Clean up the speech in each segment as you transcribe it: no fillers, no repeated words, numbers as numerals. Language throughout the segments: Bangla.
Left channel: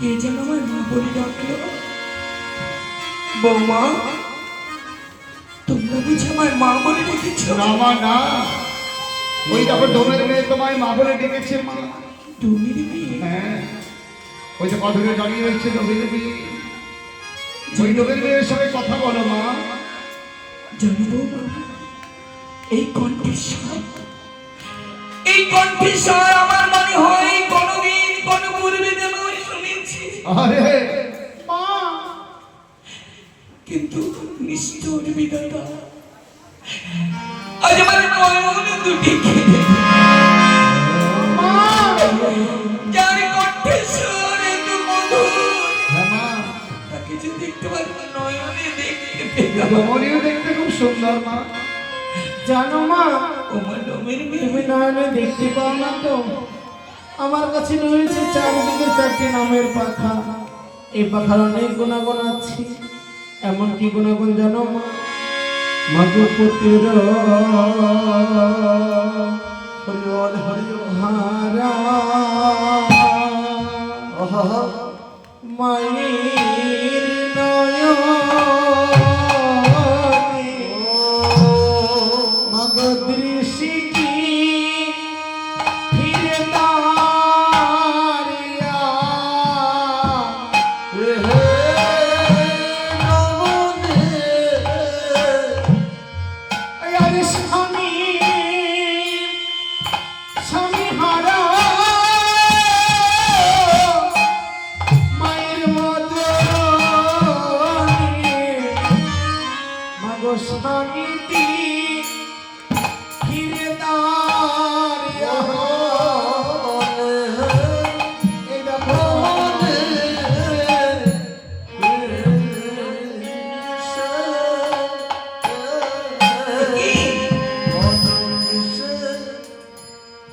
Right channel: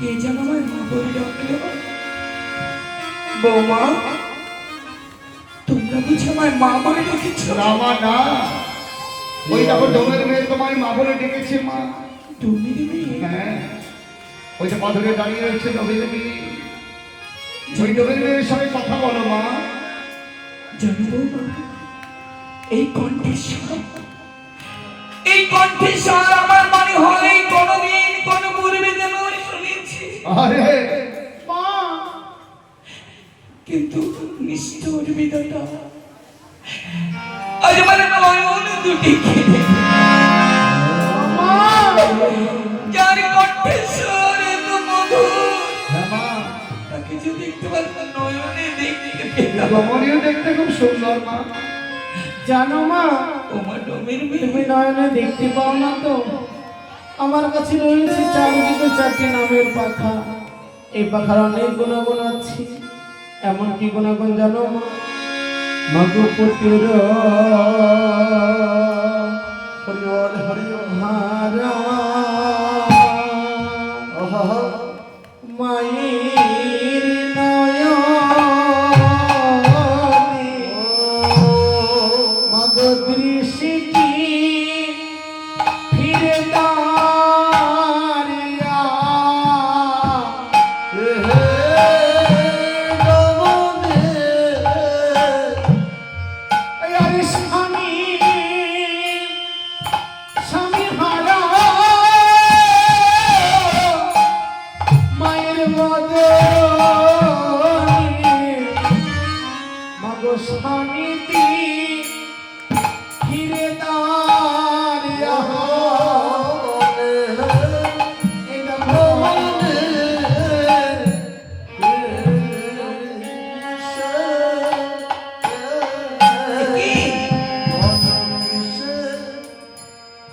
কে যেন আমার মা বলে ডাকলো। বৌমা, তোমরা বুঝি আমার মা বলে ডেকেছ? না মা না, ওই দেখো ডোমের মেয়ে তোমায় মা বলে ডেকেছে মা। ডোমের মেয়ে? হ্যাঁ, ওই যে পাথরে দাঁড়িয়ে রয়েছে ডোমের মেয়ে। ওই ডোমের মেয়ের সঙ্গে কথা বলো মা। জানো বৌমা, এই কণ্ঠস্বর, এই কণ্ঠস্বর আমার মনে হয় কোনদিন কোন পূর্বে যেন শুনেছি। আরে মা, কিন্তু নিষ্ঠুর বিধাতা আজ আমার নয়ন দুটি কেঁদে, যার কণ্ঠস্বর এত মধুর, তাকে যে দেখতে পারতাম নয়নে দেখতে, রমণীও দেখতে খুব সুন্দর মা। জানো মা, তোমার ডোমের তুমি মেয়ে নয়নে দেখতে পাও না তো? আমার কাছে রয়েছে চারিদিকে চারটি নামের পাখা। এই পাখার অনেক গুণাগুণ আছে। এমন কি গুণাগুণ জানো মা? মগপতির হরিবল হরিহারা মায়ের নয়নে মগ দৃষ্টি ফিরে দাঁড়িয়া স্বামী স্বামী হারা মায়ের বদনে মগ স্বামীতি ফিরে দাঁড়িয়া এটা মনে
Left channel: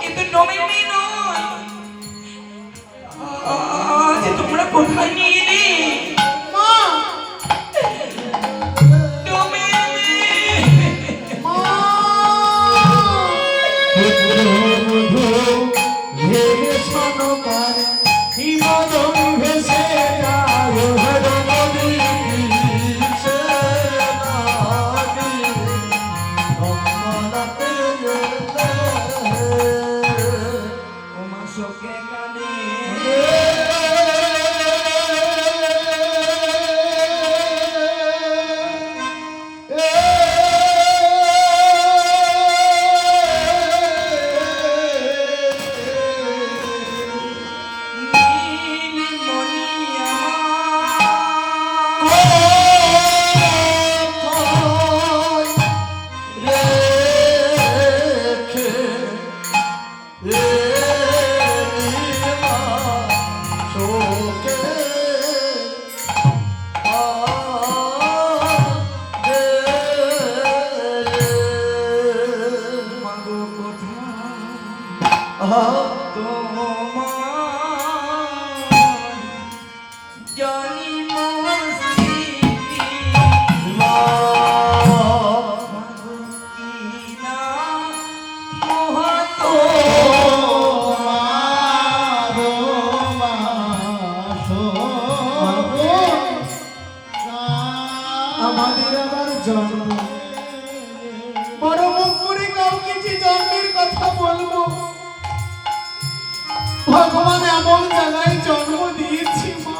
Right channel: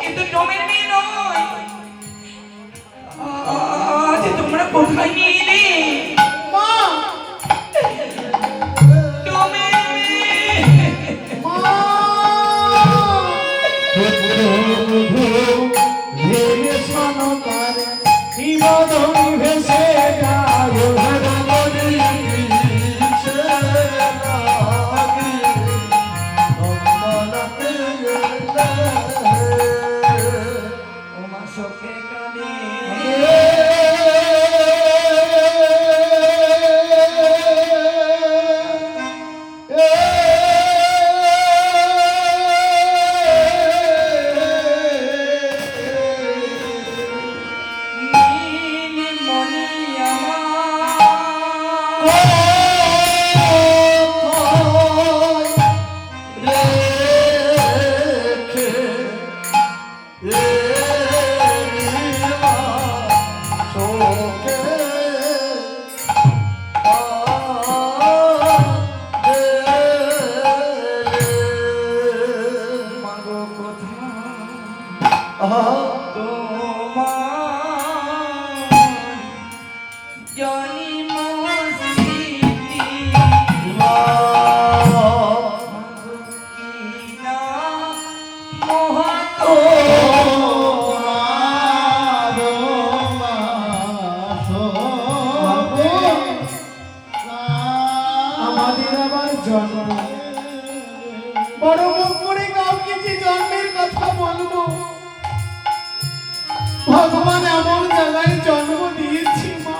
কিন্তু ডোমের মেয়ে নয়। আজ তোমরা কোথায় নিয়ে এলে? মা ডোমের মেয়ে, মা ভেসে ওমা শোকে কাঁদে, নীলমণি আমার মাগো কোথায় তোমার জানি মস্তিষ্কে, মাগো কি না মোহাতো আমাদের আবার জন্ম বড় মুখ করে কাউকে যে জন্মের কথা বলবো, ভগবান এমন জায়গায় জন্ম দিয়েছি মা,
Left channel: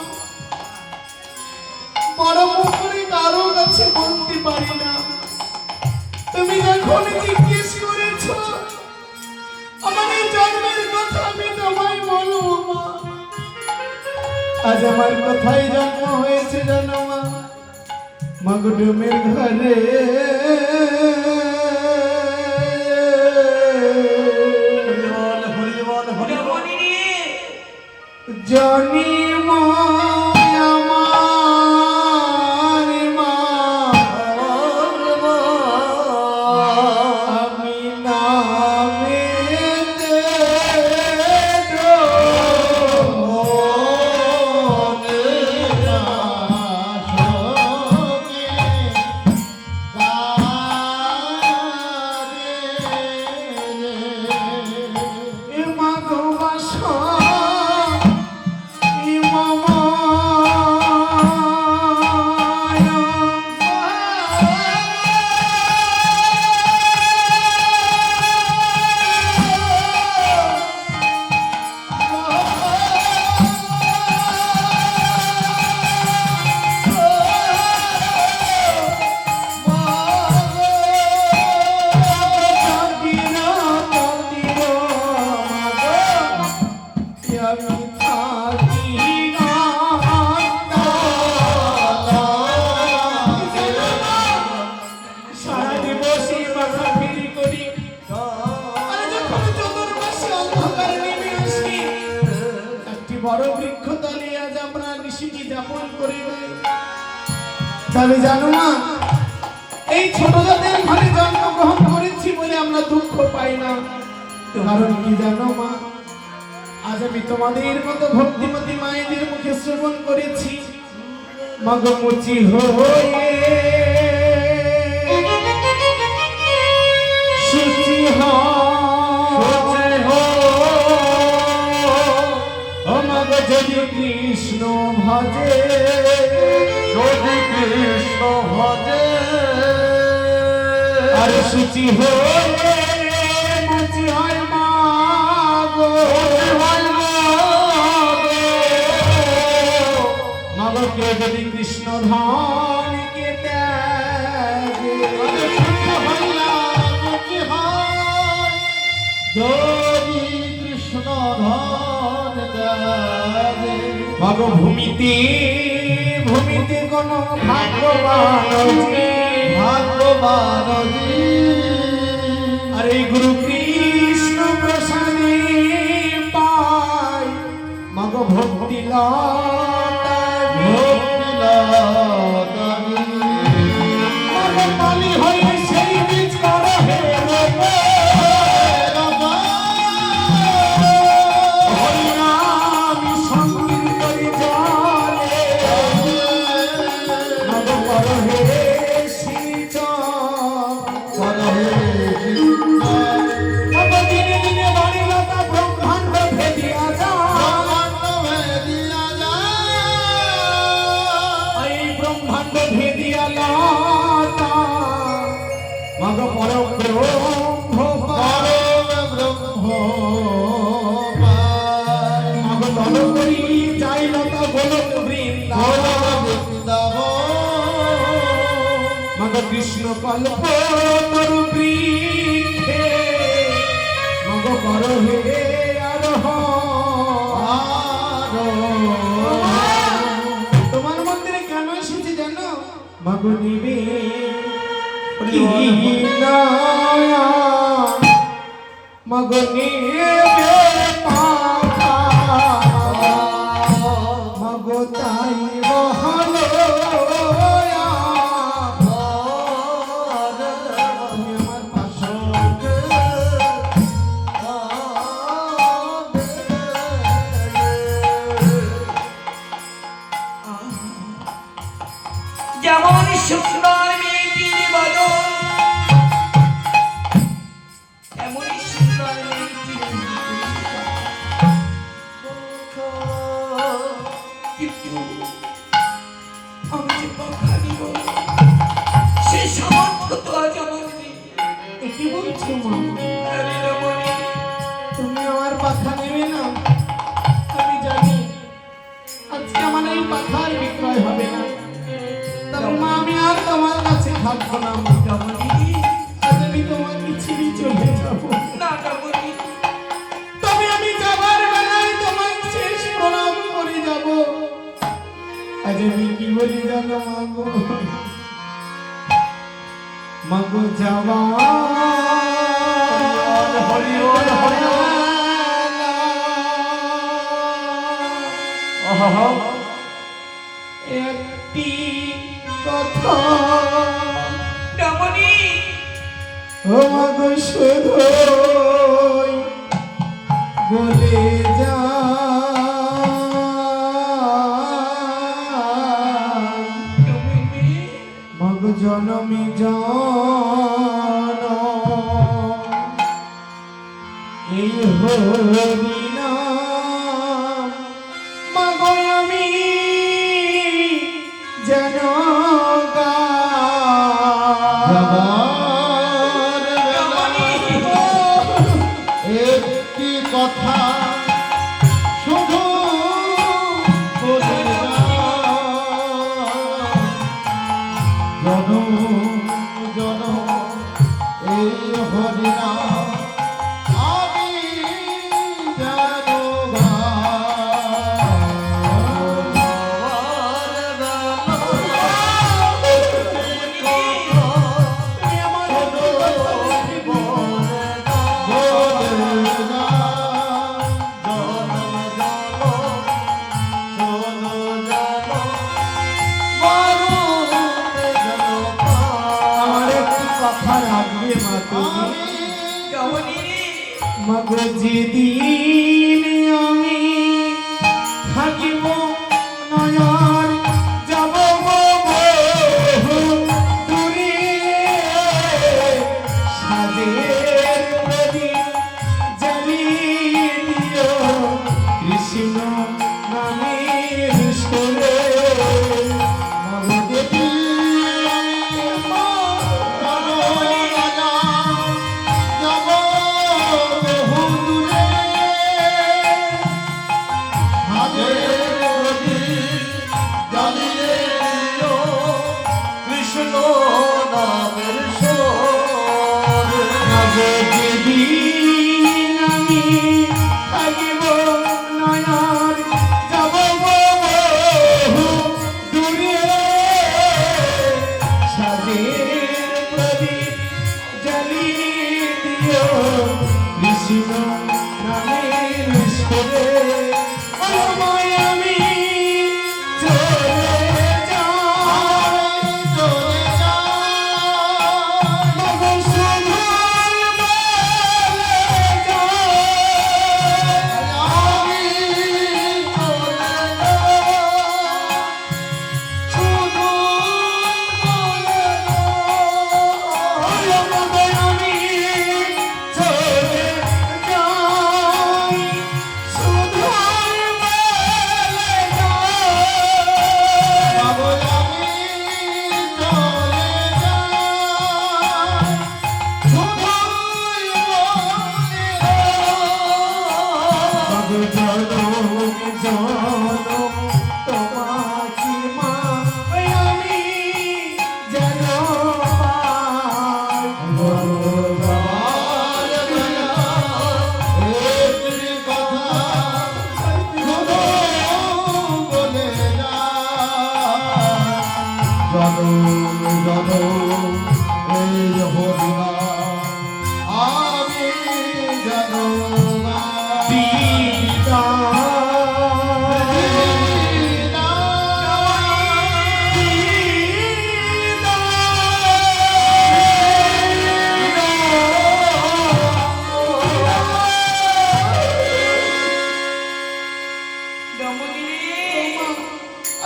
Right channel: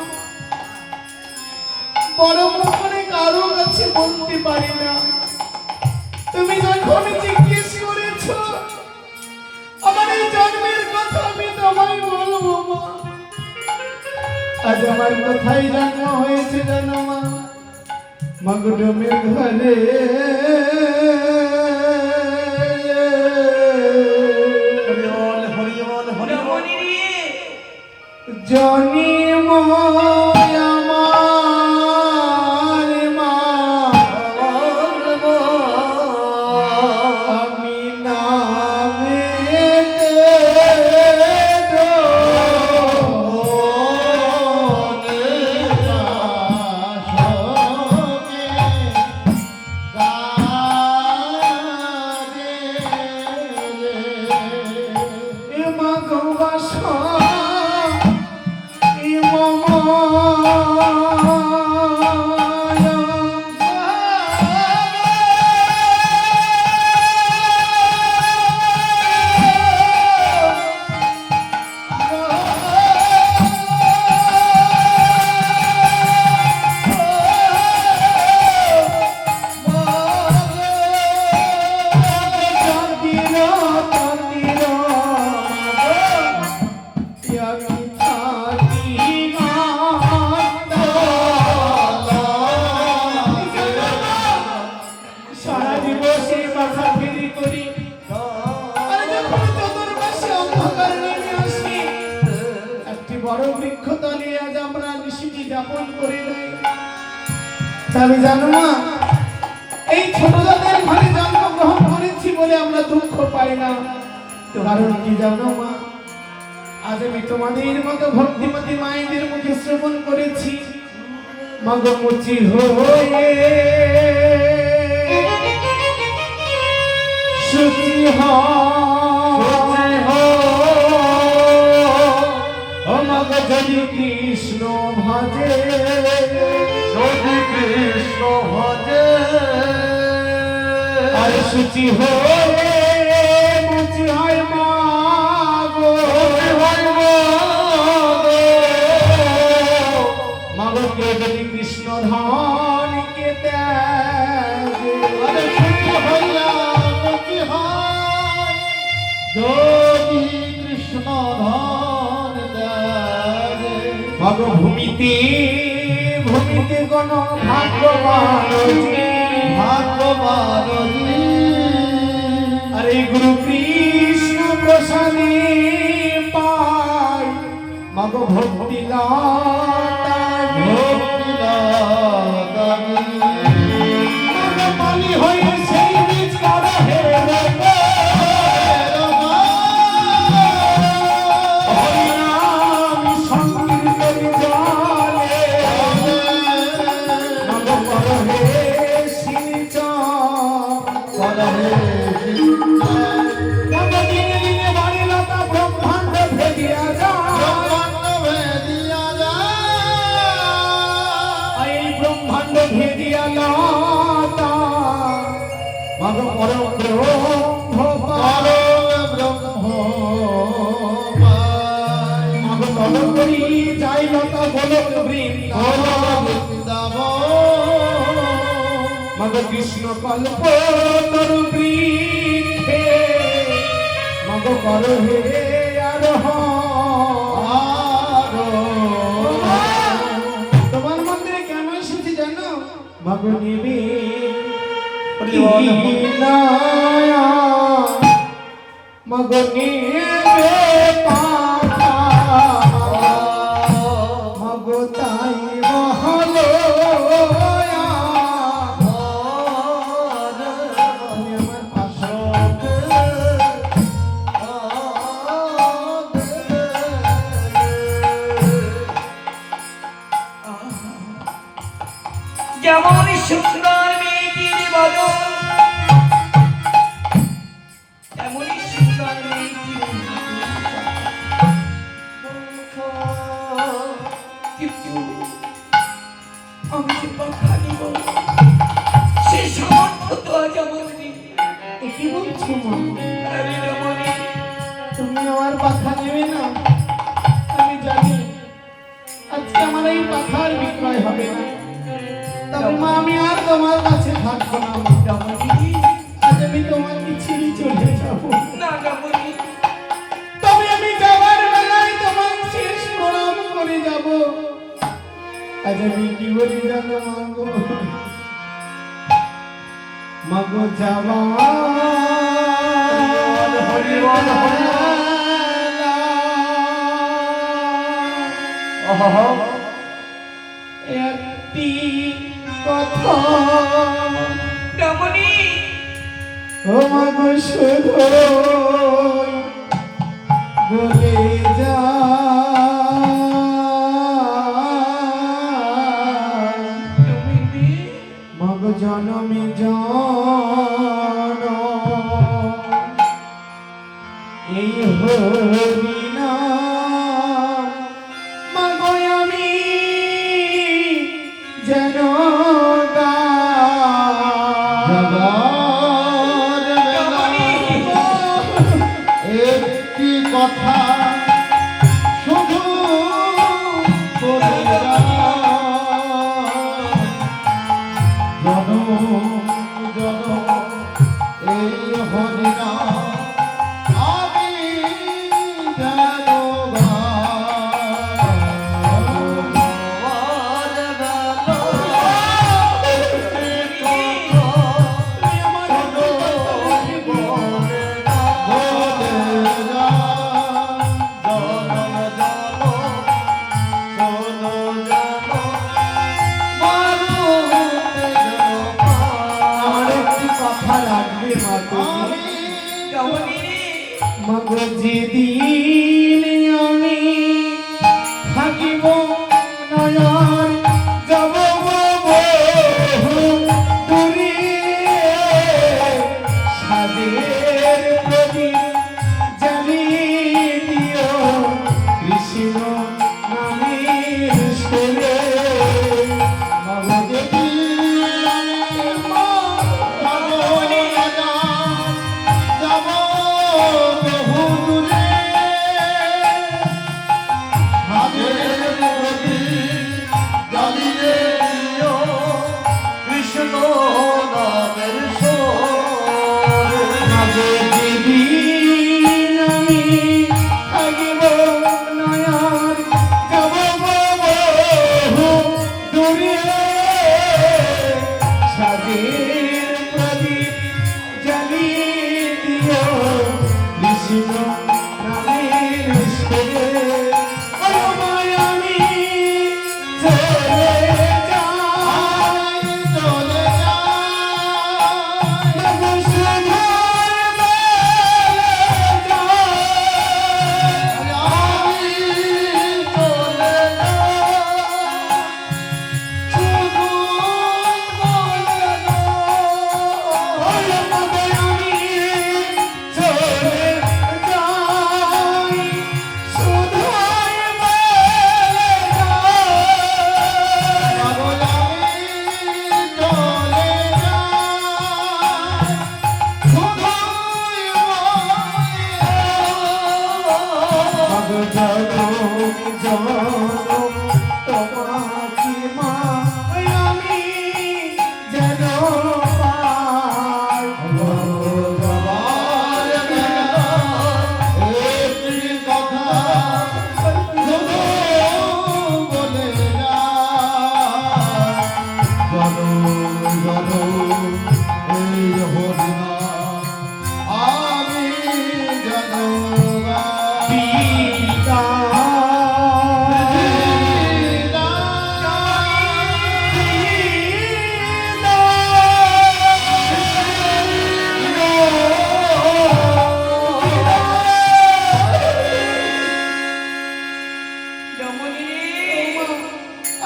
বড় মুখ করে কারো কাছে বলতে পারি না। তুমি যখন জিজ্ঞেস করেছো আমার এই জন্মের কথা, আমি তোমায় বলবো মা। আজ আমার কোথায় জন্ম হয়েছে জানো মা? মগডমের ঘরে রমণী রে, জানি আমার মা, আমি নামেতে আপন করে নেয়। তবে জানো না, এই ছোট জাতের ঘরে জন্মগ্রহণ করেছি বলে আমরা দুঃখ পাই না। কারণ কি জানো মা, আজ আমি তোমাদের মতো ভক্তিমতী মায়েদের মুখে শ্রবণ করেছি মাগো মুচি হয়ে সুচি আমাকে যদি কৃষ্ণ ভজে, যদি কৃষ্ণ ভজে, আর সুচি হয়ে মুচি হয় মাগো, মাগো কে যদি কৃষ্ণ ধন কে ত্যাগে, যদি কৃষ্ণ ধন দেয়, মাগো ভূমিতে ভূমিতে কোন ভাগ্যবান আরে গুরু কৃষ্ণ প্রসাদে পাই মাগো ভক্তি মালি হয়ে সেই বীজ করা হে হরিনাম সংকীর্তন জানে মাগো করো হে শ্রীচরণ মাগো দিনে দিনে বাড়ি লতা ব্রহ্মাণ্ড ভেদিয়া এই ব্রহ্মাণ্ড ভেদিয়া লতা মাগো পরম মাগো তব করি যাই লতা গোলক মাগো কৃষ্ণ কল্প তরু বৃক্ষে মাগো করো হে তোমার মন্দিরে কেন এসেছি জানো মাগো নিবে মাগো নিবে মাগো তাই রহলো যেমন শুকনার মেয়েটির বদন, তেমনই শুকনার মেয়েটির কিন্তু আমি যে কথা দিব সে সামর্থ্য তো আজ আমার নেই। কি বলছো মা? আরে রমণী, তুমি আমার পাখা নেবে না? আমি জানি আজকে আমার এই পাখার বিক্রয় হবে না। তবে মা আমি আর তোমার কাছে থাকবো না। রমণী, আজ আমি তোমাকে ছেড়ে চলে যাবো। না রমণী, তবে আমি যাবার বেলায় তোমার শেষ প্রণাম করে যাব। আজ আমি কি বলি জানো মাগো? মাগো যাওয়া একটি কথা রমণী, ও মাগো শুধু বলে যা রমণী, মাগো জনমে জন এই হরিনা মাগো আমি যেন একটি কথা শুধু এই হরিনা আমি জানো মাগো যেদিন আমি থাকিব নয়ন যাব বহু দূরে সাদের প্রদীপ জ্বালিয়ে দিও কৃষ্ণ নামের সুরে মাগো যেদিন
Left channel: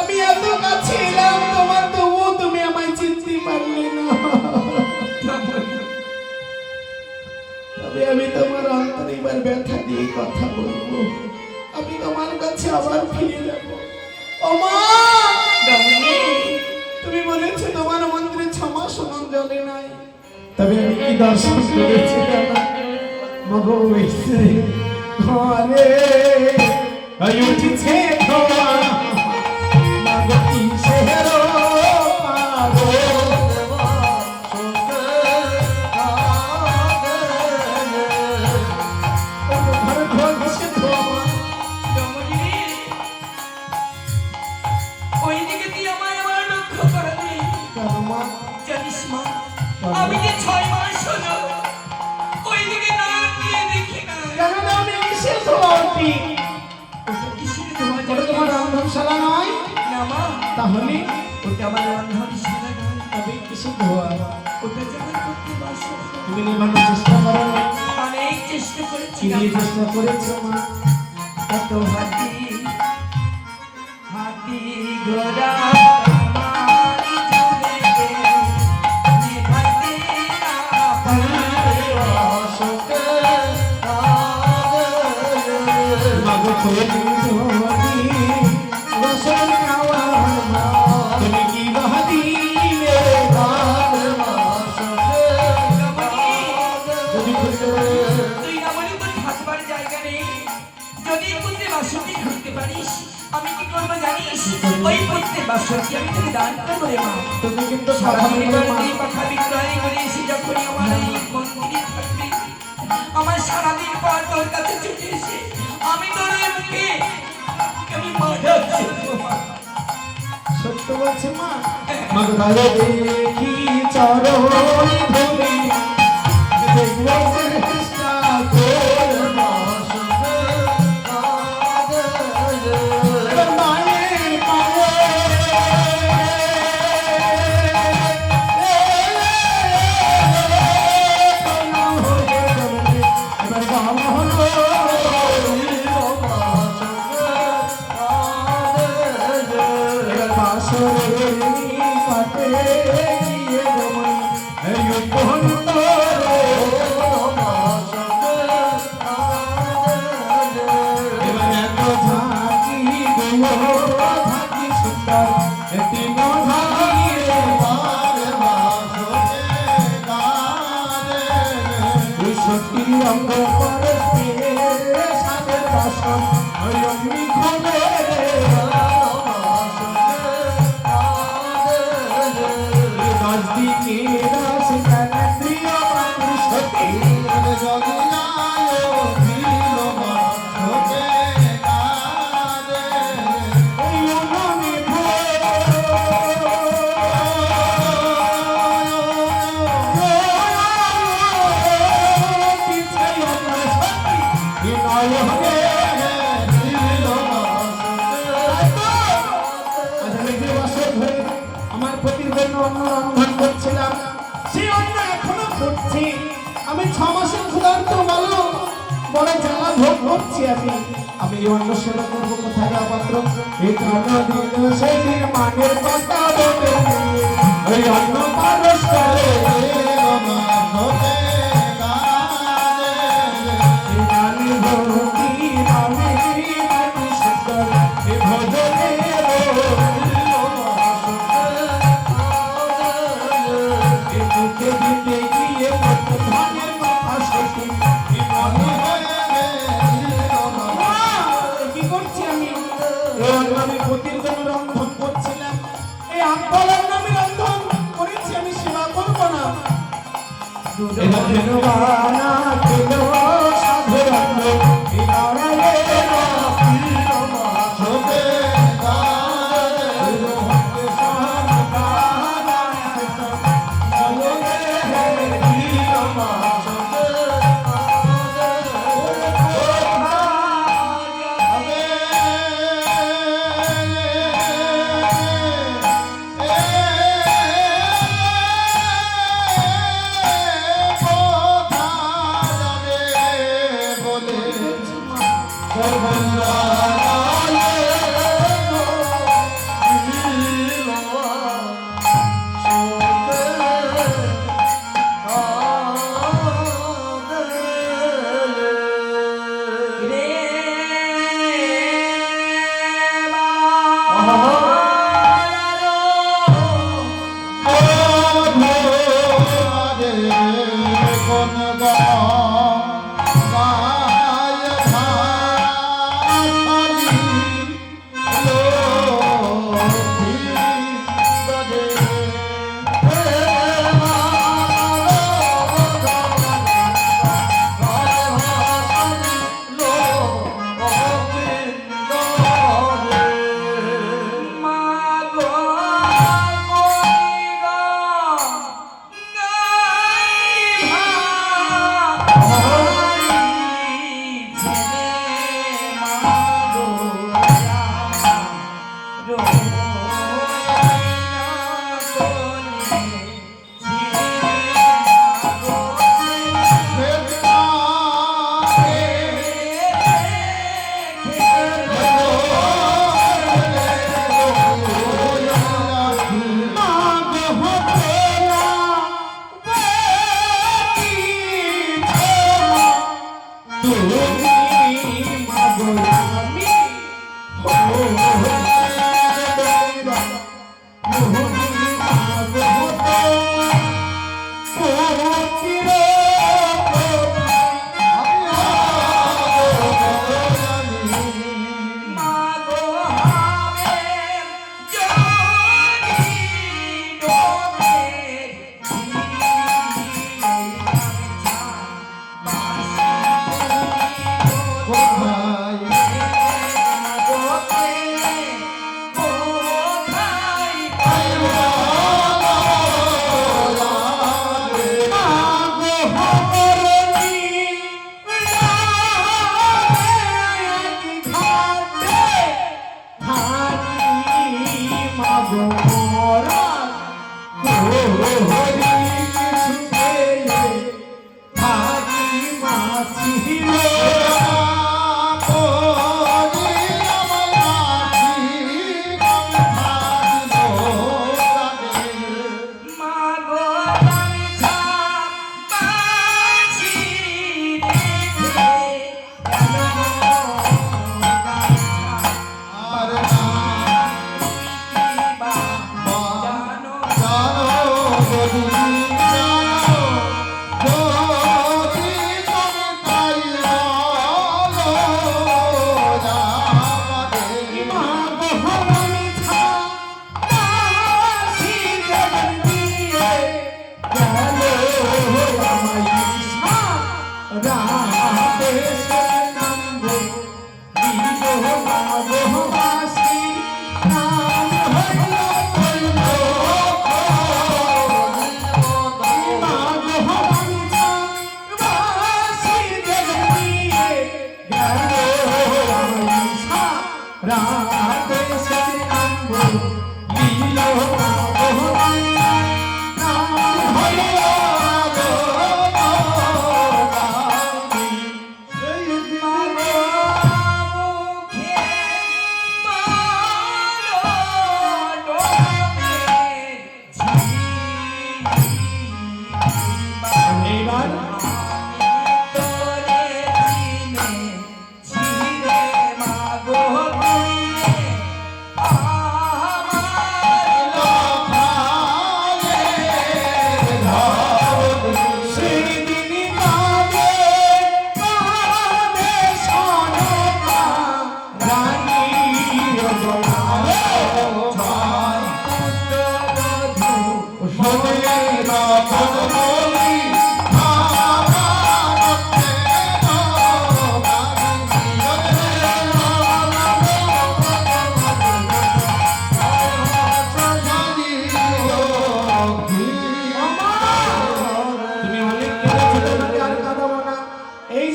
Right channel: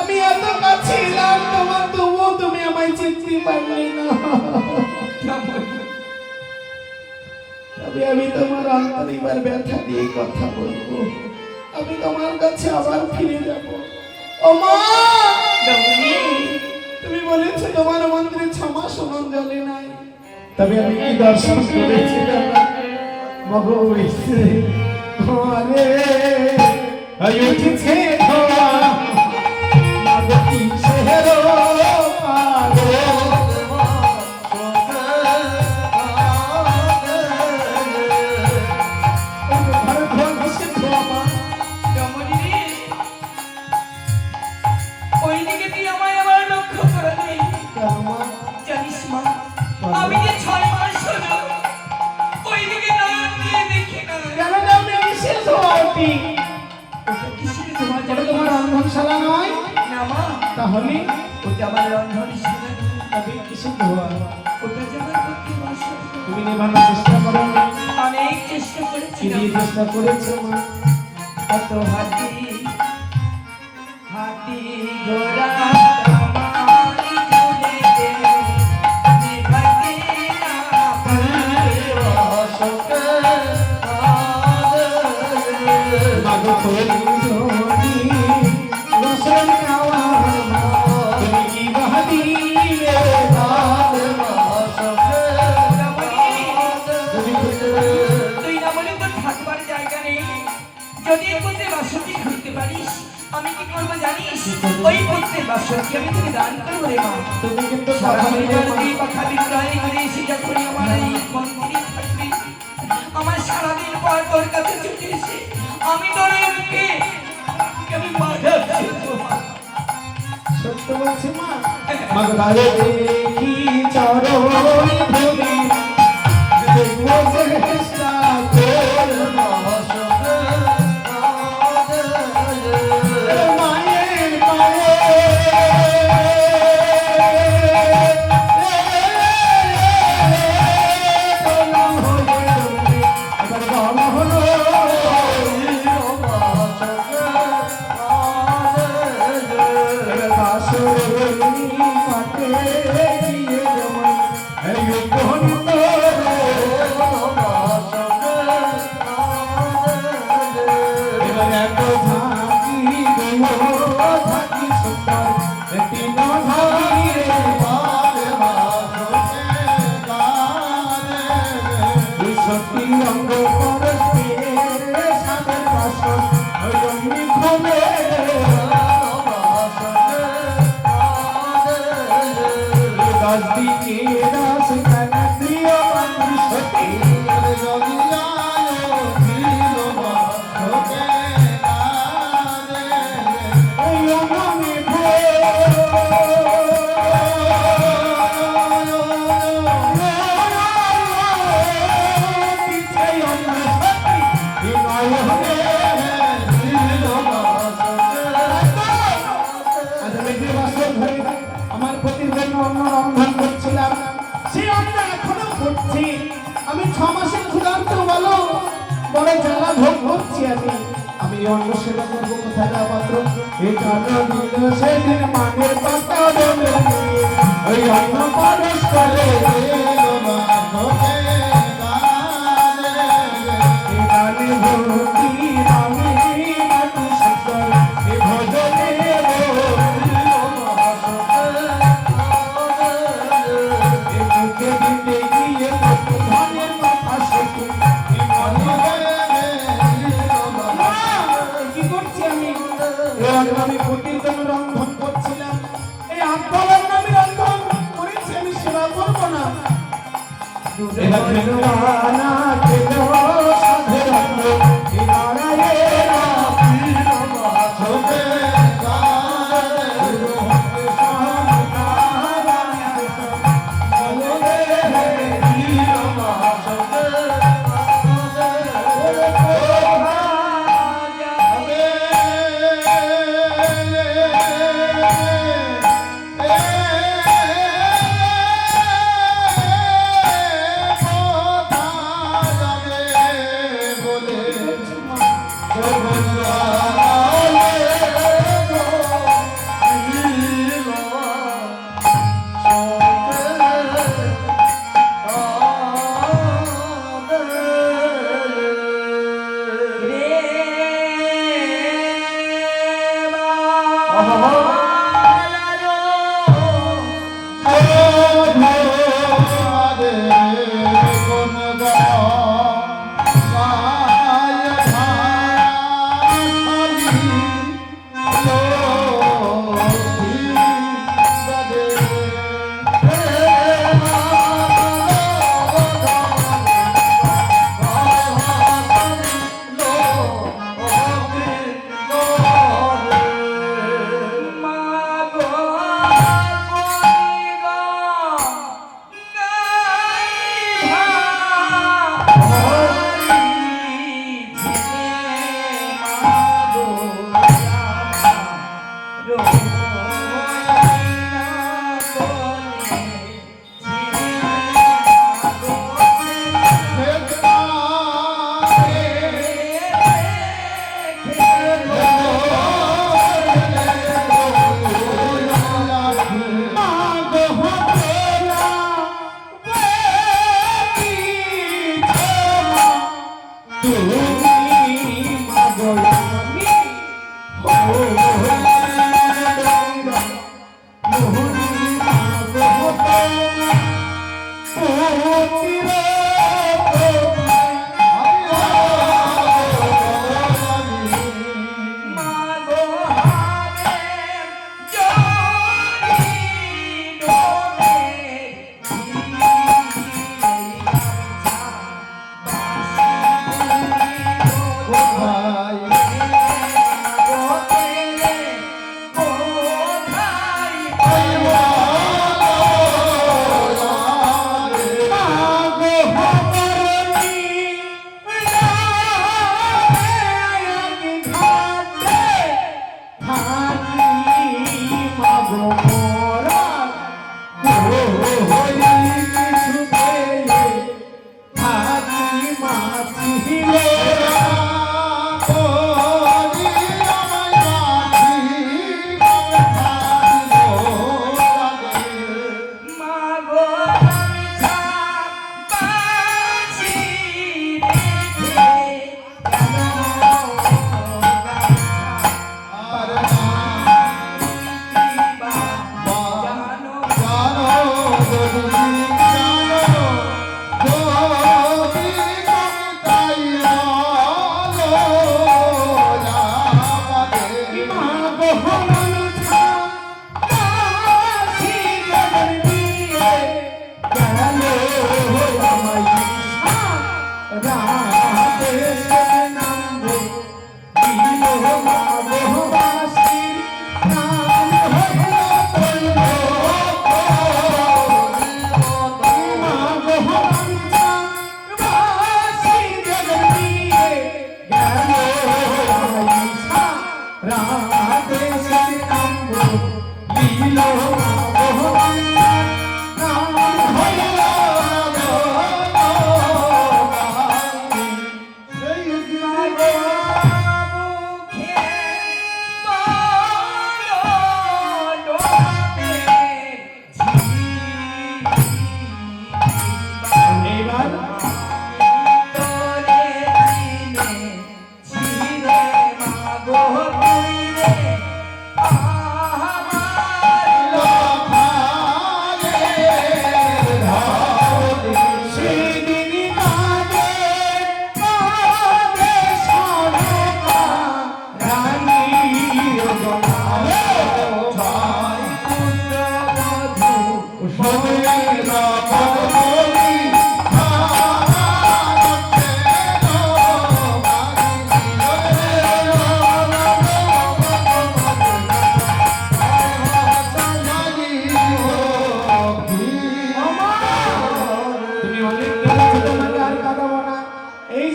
আমি এত কাছে এলাম তোমার, তবুও তুমি আমায় চিনতে পারলে না। তবে আমি তোমার অন্তরিবার ব্যথা দিয়ে কথা বলবো। আমি তোমার কাছে আবার ফিরে যাব। ও মা, তুমি বলেছো তোমার মন্দিরে 6 মাস সমান জলে নাই। তবে আমি কি দর্শন করেছি মগো ঘরে উঠেছে ধোয়া, মাগো কি সেহেরো আমি যে 6 মাস হলো ওইদিকে না নিয়ে দেখি না। কেন আমি শেষ হওয়াটি ওটা কিসের তোমার যাবে তোমার রন্ধনশালা নয় না মা, তাহলে ওটা আমার রন্ধনশালা নয়। তবে কিসে ধোয়া? ওটা যেমন করতে পারছো তুমি নেবানোর চেষ্টা করো না? অনেক চেষ্টা করেছি কি দিয়ে চেষ্টা করেছো মা? কত হাতি হাতি ঘোড়া আমারই চলে নিভাতে না পারে অশোকে মাগো তোর জমি রসন খাওয়ার মা, তুমি কি বাহাদিলে তার অশোকে যদি তুই না বলে তোর থাকবার জায়গা নেই। যদি পুত্রের বাসন্তী ঘুরতে পারিস, আমি কি করবো জানিস? ওই পুত্রের বাসন্তী আমি তোকে দান করবো রে মা। তুমি কিন্তু সারাদিন এই কথা বিক্রয় করে এসে যখন আমার এই মন্দিরে থাকবি, আমার সারাদিন পর তোর কাছে ছুটে এসে আমি তোর এই মুখে আমি মারা সত্য বলছে মা। মাগো ভালো দেখি চরণ ধরে দেখবো চেষ্টা করব মায়ের পায়ে এবার আমার পতির জন্য অন্ন রন্ধন করছিলাম, সেই অন্ন এখনো করছি। আমি 6 মাসের ক্ষুধার্ত বলো, বড় জ্বালা ভোগ করছি আমি এই অন্ন সেবা করবো কোথায় যাওয়া পাত্র? এই কালো দিল সেদিন মানের পাতা বলে ওই অন্ন পারস করে আমি পতির জন্য রন্ধন করছিলাম। এই আন্দোলন আমি রন্ধন করেছি, আমি সেবা করবো না।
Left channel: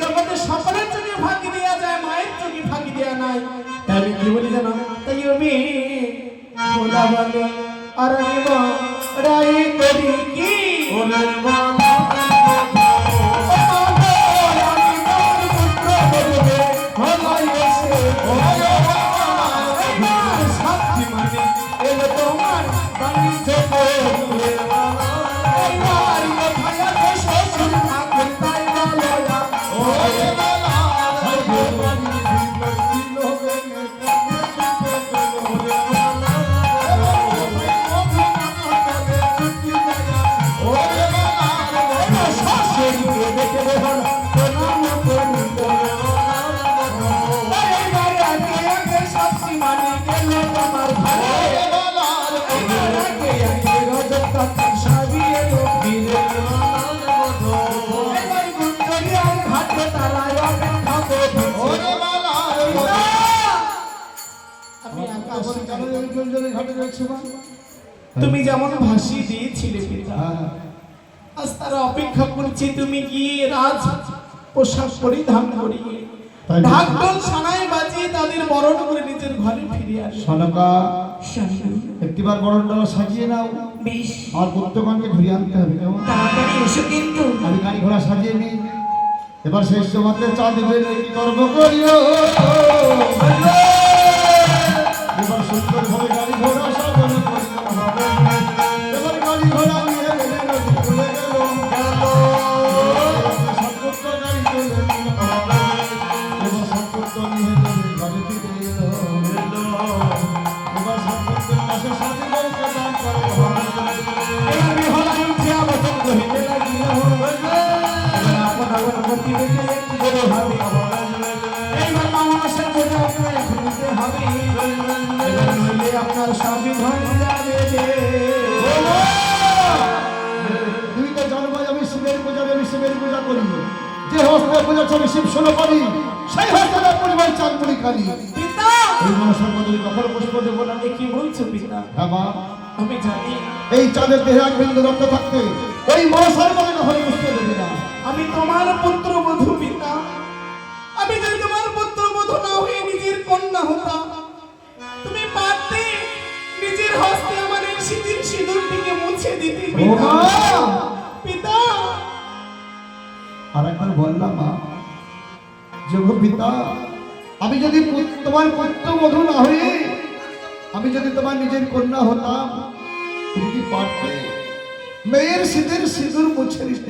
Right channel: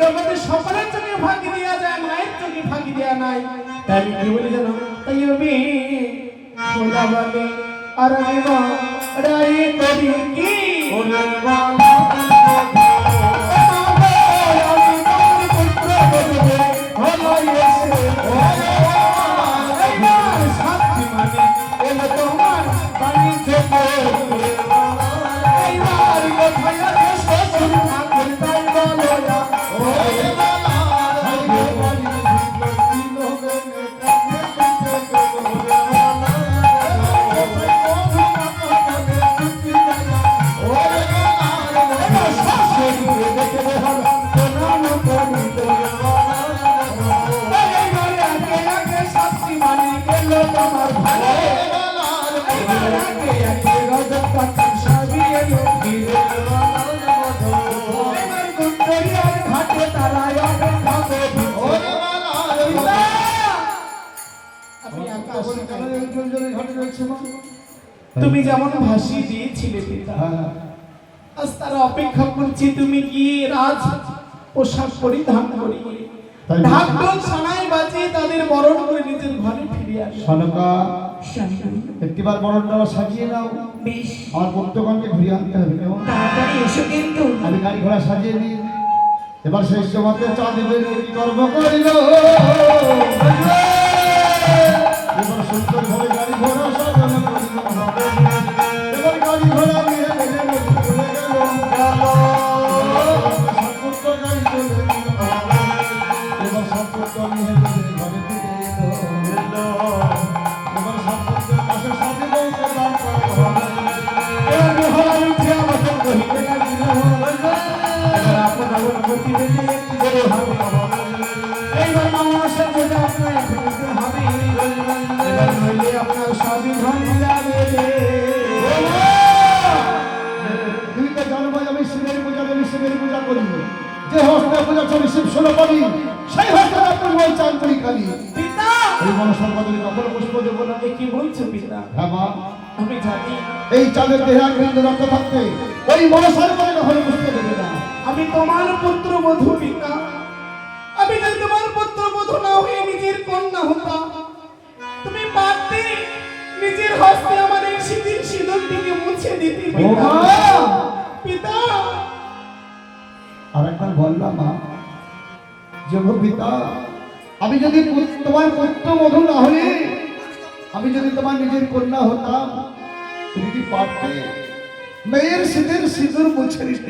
জগতে সকলের চোখে ফাঁকি দেওয়া যায়, মায়ের চোখে ফাঁকি দেওয়া নাই। তাই আমি কি বলি জানো? তাই আমি খোদা বলে আর আমি রায়ে করি কি ওরে বাবা তুমি যেমন ভাসিয়ে দিয়েছিলে পিতা, আজ তারা অপেক্ষা করছি তুমি গিয়ে রাজ পোশাক পরিধান করিয়ে ঢাক ঢোল সানাই বাজিয়ে তাদের বরণ করে নিজের ঘরে ফিরে আসো। সনকা স্বামী একটিবার বরণটা সাজিয়ে নাও, বেশ আমার পুত্রগণকে ঘুরিয়ে আনতে হবে। কেমন? তাড়াতাড়ি এসো কিন্তু। আমি গাড়ি ঘোড়া সাজিয়ে নিই, এবার শেষ জমাতে চা দেবেন কি গর্ব করিও। এবার সুন্দর ভাবে গাড়ি ঘোড়া সাজানো করিও। এবার গাড়ি ঘোড়া নিয়ে গেলে সম্পর্ক গাড়ি চলে এবার সম্পর্ক নিয়ে গেলে গাড়ি এবার সম্পর্কের পাশে সাথে নৌকা দান করে যে হস্তে পূজা চলে শিব শোনা পাবি সেই হস্তে পরিবার চান করি কালি পিতা এই মনসার বদলে কখনো পুষ্প দেবো না। এ কি বলছো পিতা? হ্যাঁ মা, আমি জানি এই চাঁদের দেহে আনন্দ রক্ত থাকতে ওই মনসার বদলে কখনো পুষ্প দেবে না। আমি তোমার পুত্র বধূ পিতা, আমি যদি তোমার পুত্র বধূ না হয়ে নিজের কন্যা হতাম, তুমি পারতে নিজের হস্তে আমার এই শীতের সিঁদুরটিকে মুছে দিতে পিতা। পিতা আর একবার বললাম মা, যোগ পিতা, আমি যদি তোমার পুত্র বধূ না হয়ে আমি যদি তোমার নিজের কন্যা হতাম, তুমি কি পারতে মেয়ের শীতের সিঁদুর মুছে দিতে?